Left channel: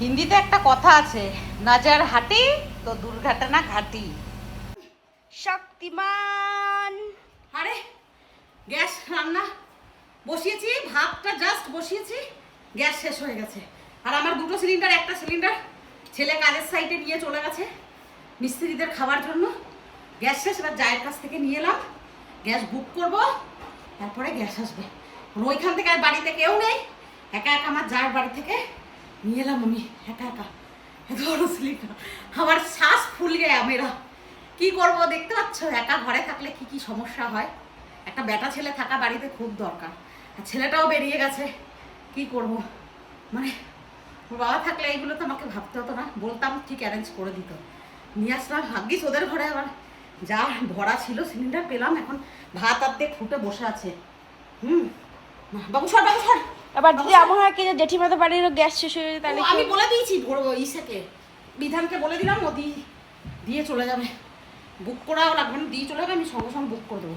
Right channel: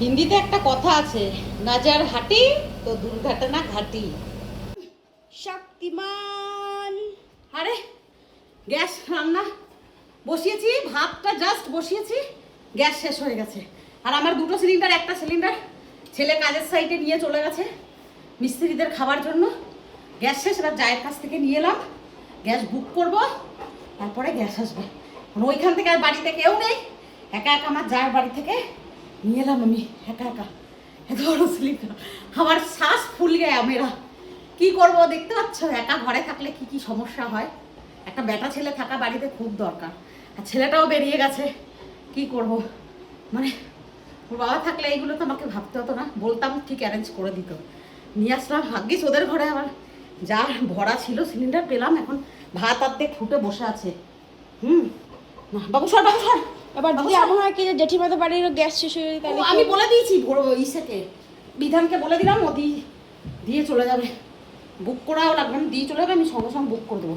হিন্দিতে একটা কথা আছে নাজার হাটি তো দুর্ঘটনা ঘাটি। শক্তিমান। আরে গ্যাস রান্না বসিয়েছি ভাতটা জাস্ট বসিয়েছি গ্যাস শেষ হয়ে গেছে। আর আমার দুটো সিলিন্ডার একটা সিলিন্ডার ছেলে কাজের সাইডে নিয়ে চলে গেছে মিস্ত্রিদের খাবার জন্য। গ্যাস শেষ এবার জায়ের কাছ থেকে নিয়ে এলাম। গ্যাস বুক করব তারপরে গ্যাস আসবে। মানে ওইখান থেকে আর বাড়িতে কেউ নেই। একা একা আমার জায়ের বাড়ি থেকে নিয়ে এলাম আমি, একা একা। এত বড় সিলিন্ডার আমার শ্বাস ফুল গে মেরা কি করব, দেখতে পাচ্ছ? একা ঘরে থাকলে কি কি সমস্যা হয়? একটা বেটা ছেলে থাকা বাড়িতে খুব দরকার। আর ছেলেটাও বেরিয়ে গেছে। কি করব? মানে ওর বাবা থাকলে এইগুলো তো আমাকে ভাবতে হতো না। বলতাম ঠিক অ্যারেঞ্জ করে দিত। নিয়ে আসলাম। ভাগ্যিস ওদের ঘরে আবার যা ভরা ছিল সিলিন্ডার পেলাম। এখন ভাত আর্ধেক ফুটে বসে আছে। হুম। বাবু সর বাবু সর। এবার যদি এমন হয় কি জেঠিমাদের বাড়ির গ্যাস শেষ হয়ে যায় তাহলে আমি বলে দিয়েছি ভোর ইসেকে। বিধানকে বলে দিলাম ও দিয়ে চলে যাবে। বুক করাও লাগবে না দিয়ে চলে যাবে আমি সঙ্গে সঙ্গে বুক করে দেবো।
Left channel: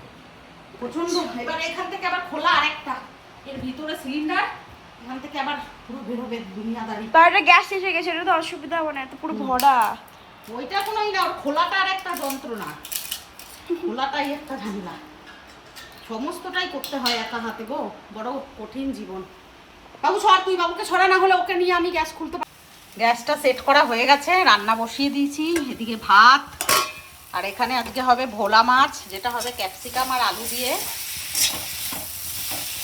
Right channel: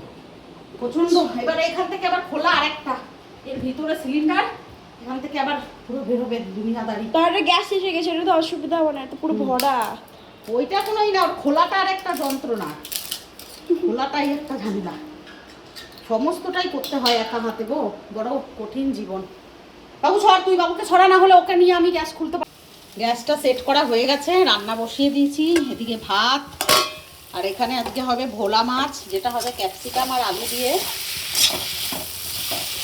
প্রচণ্ড এবার এখান থেকে আবার খোলা আরেকটা। এর ভিতরে সিলিন্ডার এখান থেকে আবার পুরো বেরোবে দুনিয়াদারি। তাহলে গ্যাস শেষ হয়ে গেছে এটা তো অসুবিধা হবে না এটা পুরো ভরা। ওইটা কোনোই না খোলাটা আর একটা যন্ত্রণা। খোলাটাই একটা ঝামেলা। সমস্তটাই করতে হয় একা হাতে গো বড় কঠিন জীবন। বাবু, সর তুই, বাবুকে ছড়া না হলে ওকে নিয়ে আমি গ্যাস খুলতে পার গ্যাসটা সেট করা হয়ে গেছে, রান্না বসিয়ে দিয়েছি, এদিকে ভাত, আর এখানে আজকে হবে ভোলা মাছ, যেটা হবে ক্যাপসিকাম আর আলু দিয়ে।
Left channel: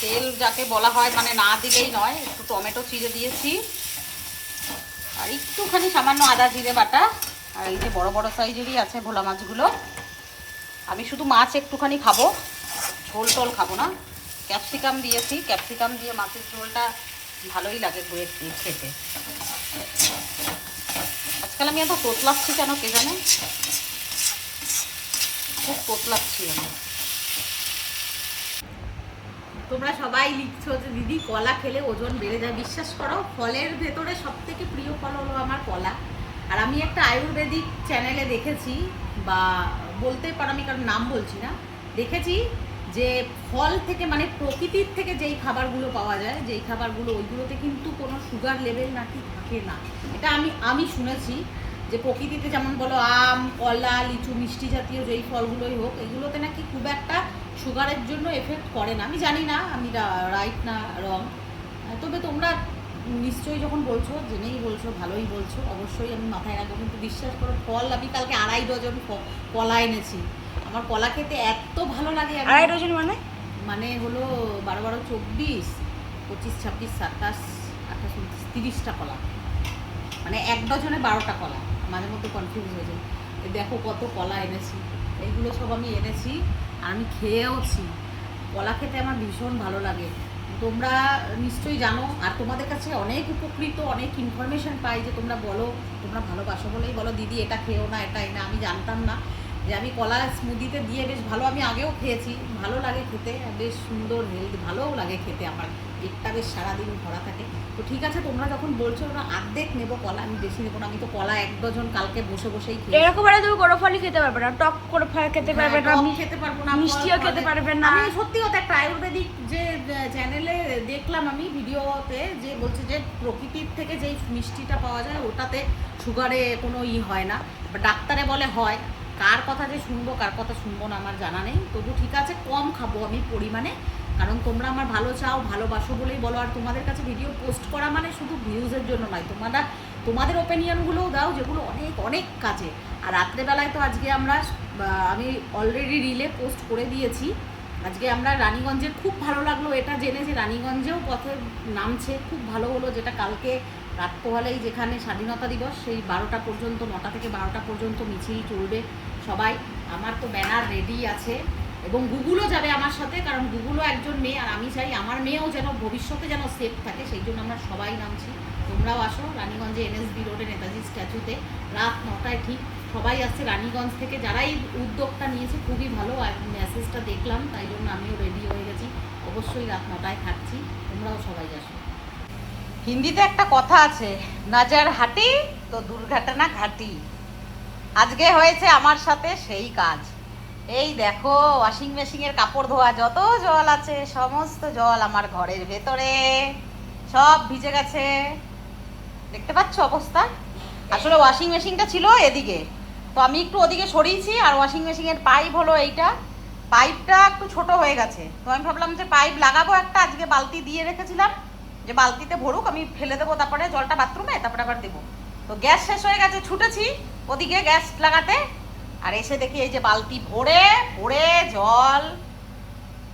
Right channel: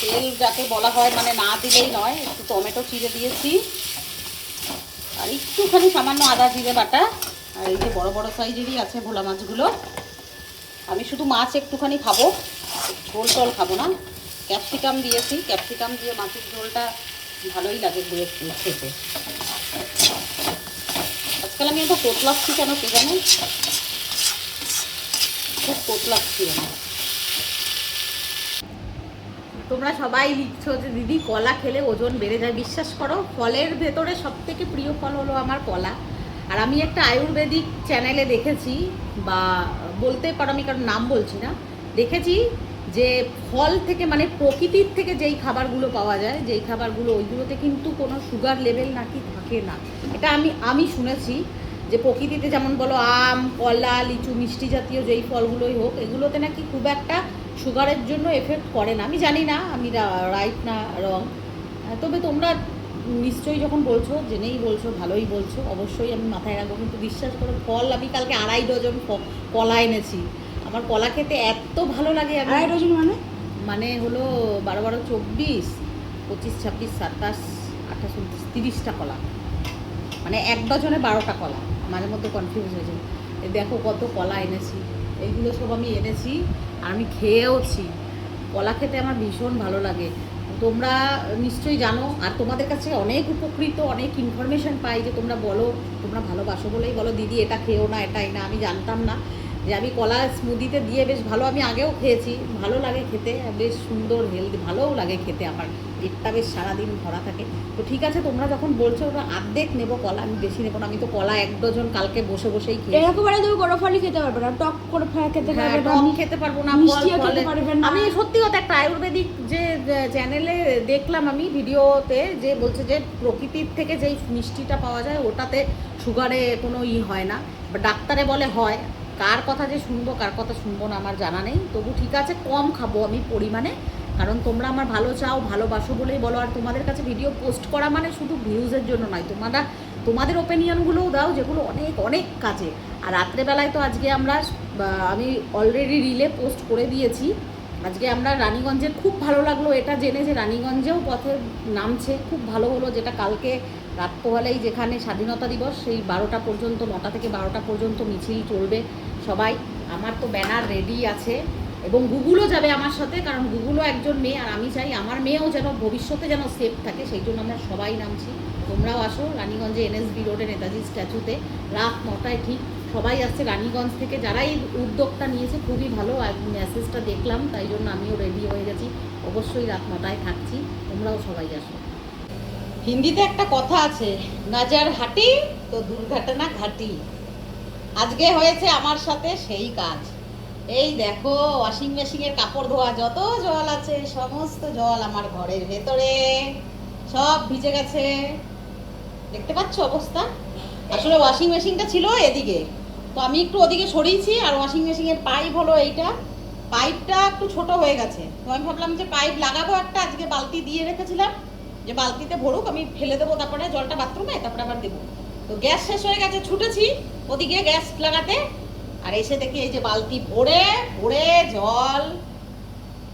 তেল যাকে বলা হয় মানে না দিলেই নয়, একটু টমেটো চিড়ে দিয়েছি, আর একটুখানি সামান্য আদা জিরে বাটা, আর এই যে বড় বড় সাইজেরই আছে ভোলা মাছগুলো। আমি শুধু মাছ একটুখানি খাব ঝোল টোল খাব না। ক্যাপসিকাম দিয়েছি, ক্যাপসিকাম দিয়ে মাছের ঝোলটা ভালোই লাগে একটু খেতে। আজকাল আমি এত পোতলাচ্ছি কেন কে জানে? খুব পোতলাচ্ছি আমি। তোমরা সবাই লিখছো যে, দিদি, কলা খেলে ওজন বেড়ে যায়। বিশ্বাস করো, ফলের ভেতরে সব থেকে প্রিয় ফল হলো আমার কলা। আর আমি একটা আয়ুর্বেদিক চ্যানেলে দেখেছি, বা বলতে পারো আমি কারণ নাম বলছি না, দেখেছি যে ফল থেকে মানে প্রকৃতির থেকে যেই খাবারগুলো পাওয়া যায়, যেই খাবারগুলো ওইগুলোতে কিন্তু কোনো সুগার লেভেল নাকি থাকে না। এটা আমি আমি শুনেছি যে প্রকৃতিতে যেমন বলো আম, কলা, লিচু, মিষ্টি জাতীয় যেই ফলগুলোই হোক, এগুলোতে নাকি খুব একটা সুগারের জন্য এফেক্ট করে না। আমি জানি না, আমি রাইট না রং তবে তোমরা নিশ্চয়ই যখন বলছো, জেনেই বলছো, ভালোই বলছো, অবশ্যই আমি মাথায় রাখব, কিন্তু বিশ্বাস করো, ফল আমি কালকে আড়াই ডজন কলা এনেছি। আমার কলা খেতে এত ভালো লাগে আড়াই ডজন মানে? মানে হলো বারো বারো চব্বিশ পঁচিশ ছাব্বিশ সাতাশ আঠাশ উনত্রিশ তিরিশটা কলা। মানে এক ডজনে বারোটা কলা। মাঝে মধ্যে কনফিউজ হয়েছে দেখো কত কলা এনেছি। এইগুলো সব আমি এনেছি আর আমি খেয়েওছি। কলা খেতে আমার ভীষণ ভালো লাগে। তোমরা নিশ্চয়ই জানো আর তোমাদের কাছে অনেক উপকৃত অনেক ইনফরমেশন পাই যে তোমরা বলো তোমরা ভালোবাসো বলেই বলো দিদি এটা খেও না এটাই না। আমি জানতাম না। যে আমি কলা স্মুদিতে দিয়ে বেশ ভালো আমি আগেও খেয়েছি ভালো লাগে খেতে বেশ সুন্দর হেলদি ভালোও লাগে খেতে আমার পেটটা বেশ সারাদিন ভরা থাকে। তো ঠিক আছে তোমরা যখন বলছো ওরা অর্ধেক নেব কলা আমি বেশি নেব না আমি তো কলা এক ডজন কালকে বসে বসেই খেয়েছি। এরকম হলে তুমি কোনো ফলই খেতে পারবে না টক করে ফল খেতে হ্যাঁ, পারবে না টক খেতে পারব না মিষ্টিও খেতে পারবে না। আমি সত্যি কথা একটা আয়ুর্বেদিক যে চ্যানেলে দেখলাম আমি ভিডিওতে যে বলছে যে প্রকৃতির থেকে যেই মিষ্টিটা পাওয়া যায় ওটাতে সুগারে কোনো ই হয় না বা ডাক্তারে বলে হয়। কার কথা যে শুনব, কার কথা শুনব না আমার জানা নেই। তবু ঠিক আছে, কম খাব আমি পরিমাণে। কারণ তোমরা আমার ভালো চাও, ভালোবাসো বলেই বলো। আর তোমাদের কাছে ভিডিও পোস্ট করা মানে শুধু ভিউজের জন্য নয় তোমরা তোমাদের ওপিনিয়নগুলোও দাও, যেগুলো অনেক অনেক কাজে। আর রাত্রেবেলায় তো আজকে আমরা আমি অলরেডি রিলে পোস্ট করে দিয়েছি। আজকে আমরা রানীগঞ্জের খুব ভালো লাগল এটা জেনে যে রানীগঞ্জেও পথে নামছে, খুব ভালো হলো যেটা কালকে রাত্রবেলায় যেখানে স্বাধীনতা দিবস, সেই বারোটা পর্যন্ত, নটা থেকে বারোটা পর্যন্ত মিছিল চলবে। সবাই, আমার তো ব্যানার রেডি আছে এবং গুগলও যাবে আমার সাথে, কারণ গুগলও একজন মেয়ে আর আমি চাই আমার মেয়েও যেন ভবিষ্যতে যেন সেফ থাকে, সেই জন্য আমরা সবাই নামছি। তোমরাও আসো রানীগঞ্জে এনএসবি রোডে নেতাজি স্ট্যাচুতে রাত নটায় ঠিক সবাই আসছে রানীগঞ্জ থেকে। যারাই উদ্যোগটা নিয়েছে, খুবই ভালো, আর মেসেজটা দেখলাম, তাই জন্য আমিও রেডি হয়ে গেছি। অবশ্যই রাত নটায় থাকছি, তোমরাও সবাই আসো। হিন্দিতে একটা কথা আছে নাজার হাটি, তো দুর্ঘটনা ঘাটি। আজকে হয়েছে আমার সাথে সেই কাজ। এই দেখো ওয়াশিং মেশিনের কাপড় ধোয়া, যত জল আছে, সমস্ত জল আমার ঘরের ভেতরে। সব ভিজে গেছে। দেখতে পাচ্ছ অবস্থা? আসলে ওয়াশিং মেশিনটা ছিল এদিকে। তো আমি একটু ওদিকে সরিয়েছি, আর ওয়াশিং মেশিনের পাইপ হলো এইটা। পাইপটা একটু ছোট হয়ে গেছে। তো আমি ভাবলাম যে পাইপ লাগাবো একটা, আজকে বালতি দিয়ে রেখেছিলাম। যে বালতিতে ভরুক, আমি ফেলে দেবো তারপরে জলটা বাথরুমে তারপরে আবার দেবো। তো গ্যাস শেষ হয়ে গেছে, ছুটেছি ওদিকে গ্যাস লাগাতে। আর এসে দেখি এই যে বালতি ভরে ভরে জল।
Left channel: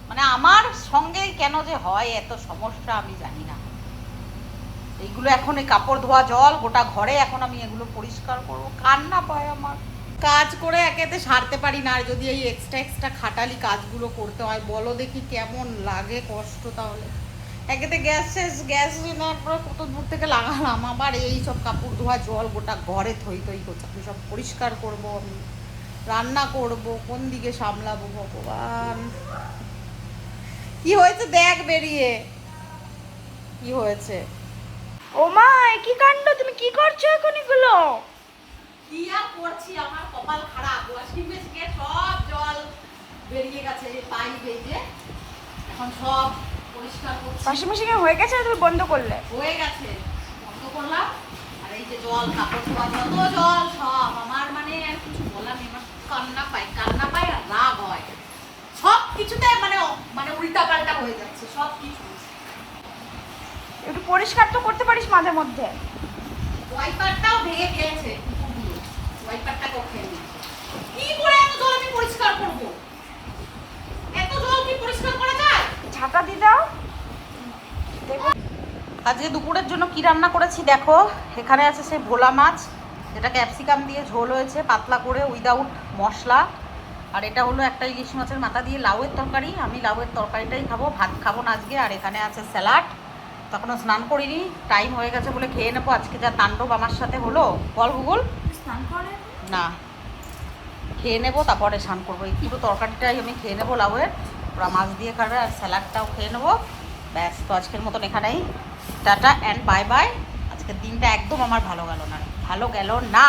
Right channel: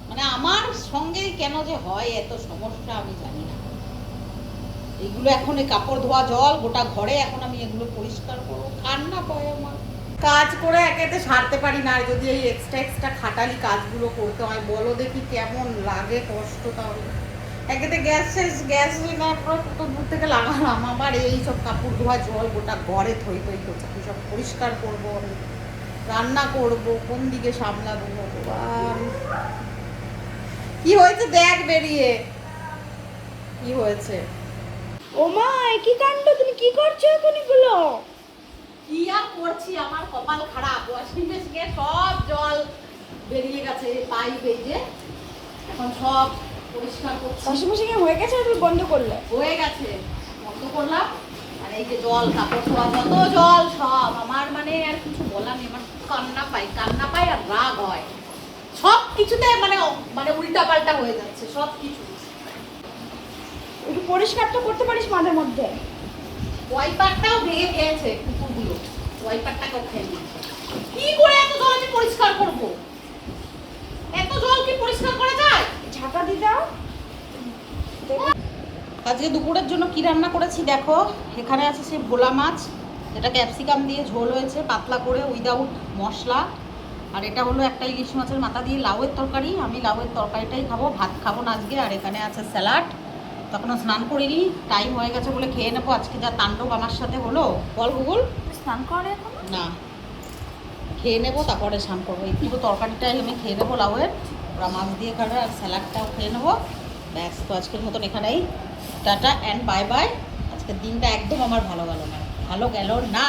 মানে আমার সঙ্গে কেন যে হয়, এত সমস্যা আমি জানি না। এইগুলো এখন এই কাপড় ধোয়া জল, গোটা ঘরে এখন আমি এগুলো পরিষ্কার করব। কান্না পায় আমার। কাজ করে একেতে সারতে পারি না, আর যদি এই এক্সট্রা এক্সট্রা খাটালি কাজগুলো করতে হয়, বলো দেখি কেমন লাগে কষ্ট তাহলে। একেতে গ্যাস শেষ গ্যাস না পরে কত দূর থেকে লাগালাম। আবার এই সব কাপড় ধোয়া জল গোটা ঘরে থই থই করছে। সব পরিষ্কার করব আমি? রান্না করব কোন দিকে সামলাবো ভগবান? কি হয়েছে দেখ বেরিয়ে। কি হয়েছে? ও মা কি কাণ্ড? তুমি কি করছ এখন এগুলো? কি আর করছি? আমার কপাল খারাপ। ওয়াশিং মেশিনে সব জল বেরিয়ে গেছে এই পাইপ এই যে। এখন সব পরিষ্কার করছি। ওয়াশিং মেশিনে হয়ে গেছে তুমি বন্ধ করলে? হয়ে গেছে। বন্ধ করলাম। আর এই যে জল কাপড় ধোয়া যত জল সব আমার মানে আর কিছু বলার নেই। আমার কান্না পাই কান্না পাই আর রাগ হয়। সব কিছুতে মানে মানে উল্টা পাল্টা হয়ে যাচ্ছে সব কিছু। একটু পরিষ্কার তো করতে পারিস মাঝে মধ্যে। ওয়াইপারটাও ভেঙে খেয়েছে কুকুরগুলো ওয়াইপারটাকেও খেয়ে কি করে এত জল আমি পরিষ্কার করব এত জল কি পরিষ্কার করা যায় ঝাঁটা দিয়ে দাও দেখো আজকে দুপুরের জন্য কি রান্না করেছি দেখো এখানে আছে সেই ভোলা মাছ যেটা ক্যাপসিকাম দিয়ে ঝোল হয়েছে পাতলা করে উইদাউট মশলা। আর এটা হলো একটা ইলিশ মাছের মাথা দিয়ে লাউয়ের তরকারি আমি লাউয়ের তরকারিটাই খাব ভাত খাব না আজকে আর এখানে আছে স্যালাড। তখনও স্নান করিনি টাইম হয়ে গেছে বলে খেয়ে নেব আজকে যা তাণ্ডব আমার সাথে হলো। বল গুগল। স্নান করে না। খেয়ে নেব তারপরে স্নান করব। এই পুরো তরকারিটাই আমি খেয়ে নেব লাউয়ের। ওরা মাছ দিয়ে খাবে আর স্যালাডটাও খেয়ে নেব। ব্যাস তো আজকের মতন এখানেই। টাটা অ্যান্ড বাই বাই আজকের দিনটা একদম আমার ভালো গেল না। ভালো গেল না।